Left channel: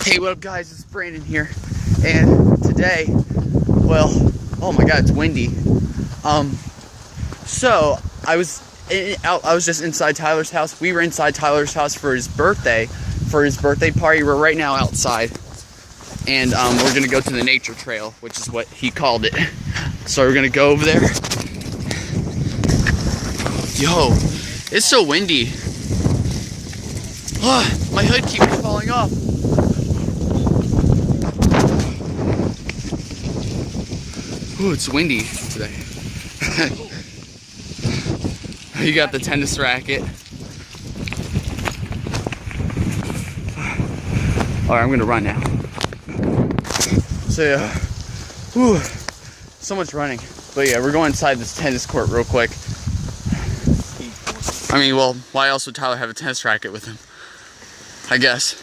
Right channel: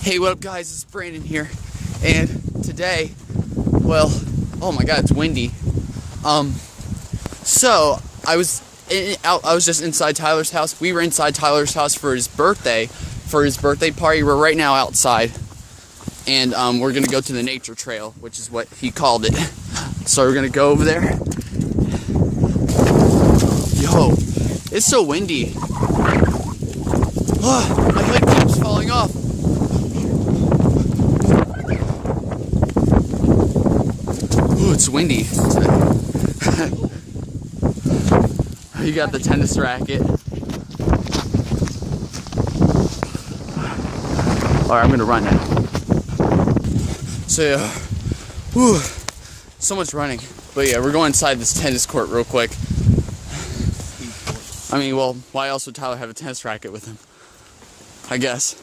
Hey, what up guys, it's Brandon here, and today, well, oh my god, it's windy. So, I was just inside Tyler's house. We were inside Tyler's house for his birthday party. We're right now outside, and we're gonna go to the nature trail, which is what he called it. So we're gonna go over there. Yo, it's so windy. Oh, my hood keeps falling off. Ooh, it's windy today. You got the tennis racket. Alright, I'm gonna run now. So yeah, whew, so much running. But yeah, we're going inside this tennis court real quick. I mean, well, why else would Tyler have a tennis racket with him? I guess.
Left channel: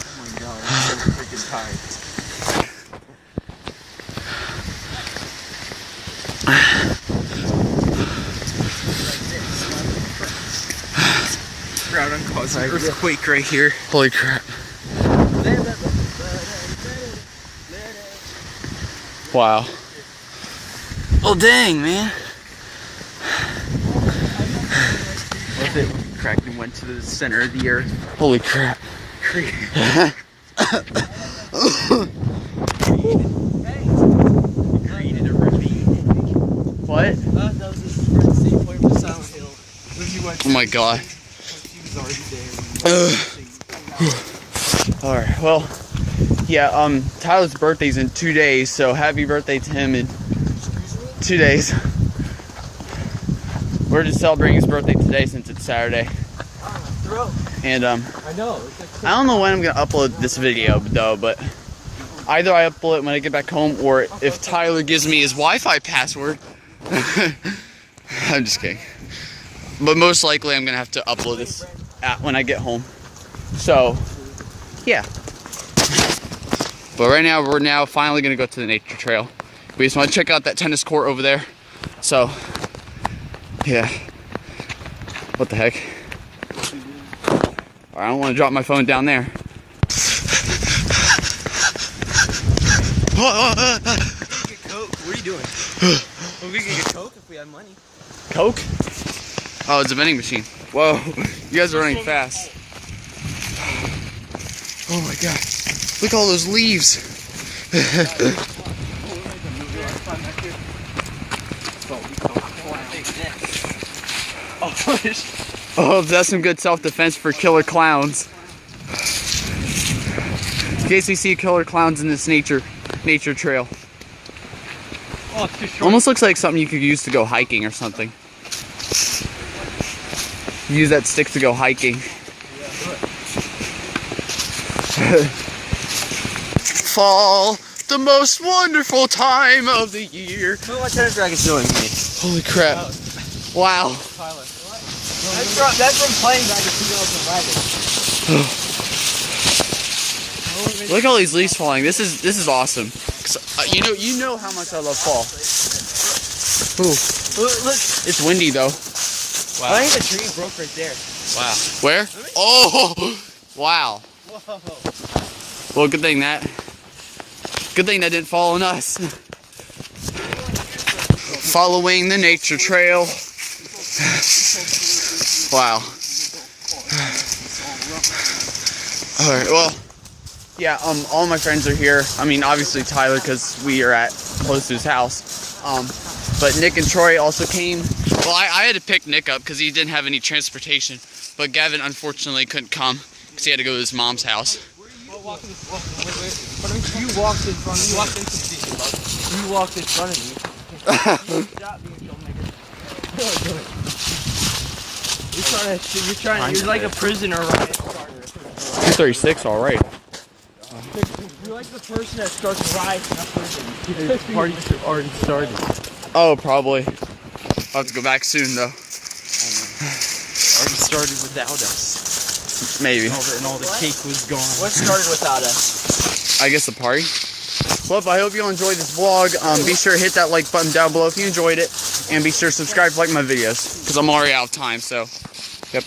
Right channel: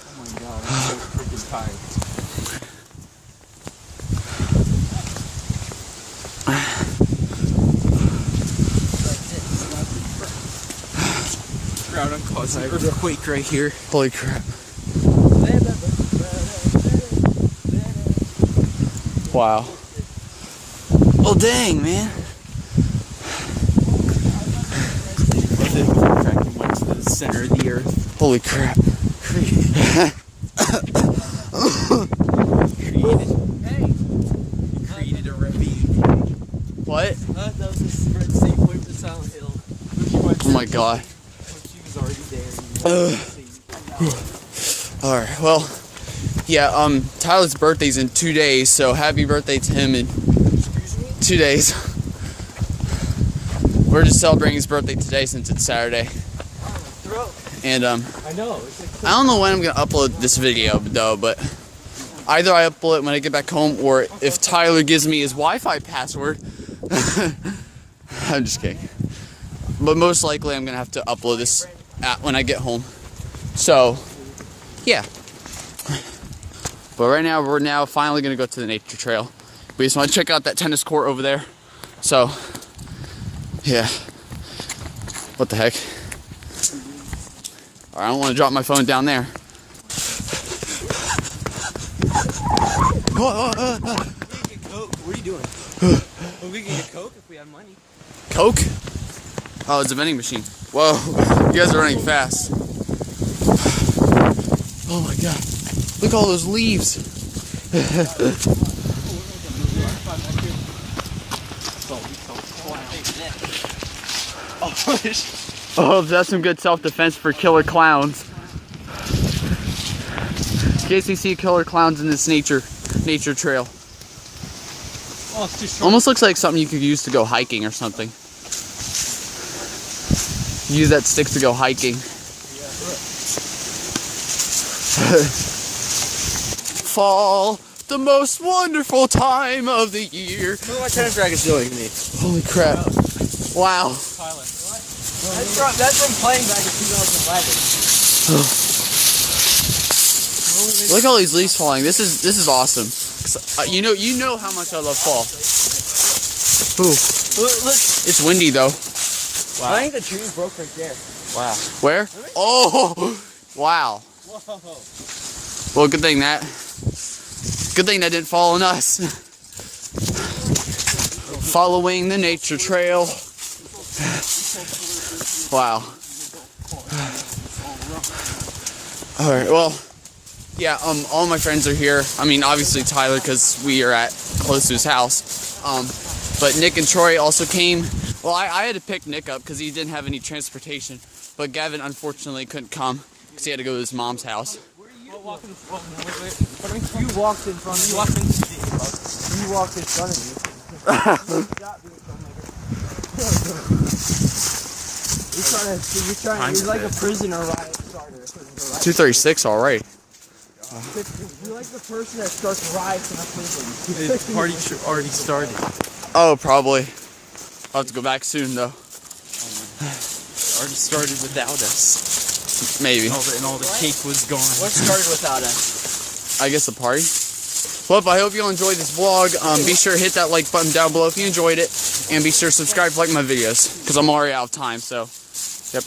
Oh my god, I'm so freaking tired. Crowd on causing an earthquake right here. Holy crap. Wow. Oh dang, man. What if it cracked and went to the center of the earth? Holy crap. Created a ravine. What? That was just the same way from Silent Hill. Oh my god. She was already there. Alright, well, yeah, Tyler's birthday's in 2 days, so happy birthday to him in 2 days. We're just celebrating his birthday today since it's Saturday. And, I know. I don't know when I'm gonna upload this video, though, but either I upload it when I get back home, or if Tyler gives me his Wi-Fi password. I'm just kidding. But most likely I'm gonna have to upload this when I get home. So, yeah. But right now, we're now finally gonna go to the nature trail. We just wanna check out that tennis court over there. So, yeah. What the heck? I don't wanna drop my phone down there. What are you doing? We can get Coke if we have money. Coke? Oh, it's a vending machine. Whoa, you guys are running fast. Oh my god. Look at all those leaves. Oh, that's some good self-defense for killer clowns. In case we see killer clowns in this nature trail. Oh, it's too short. Almost looks like something you could use to go hiking or something. Use that stick to go hiking. Fall, the most wonderful time of the year. Look what tennis racket's doing to me. Holy crap. Wow. Tyler. That's from playing back in 2011. Look at all these leaves falling. This is awesome. You know how much I love fall. Ooh. Look. It's windy though. Wow. I think the tree broke right there. Wow. Where? Oh. Wow. Whoa. Well, good thing that didn't fall on us. Following the nature trail. Wow. Alright, well, yeah, all my friends are here. I mean, obviously Tyler, because we are close to his house. But Nick and Troy also came. Well, I had to pick Nick up because he didn't have any transportation. But Gavin, unfortunately, couldn't come because he had to go to his mom's house. You walked in front of me. You walked in front of me. You're like a prisoner riot starter. 236, all right. You're like the person that starts riots in a prison. The party already started. Oh, probably. I'll have to go back soon, though. Already started without us. Maybe. And all the cake was gone. What started without us? I guess the party. Well, I hope you all enjoyed this vlog. Be sure to hit that like button down below if you enjoyed it. And be sure to subscribe to like my videos. Because I'm already out of time, so. Yep.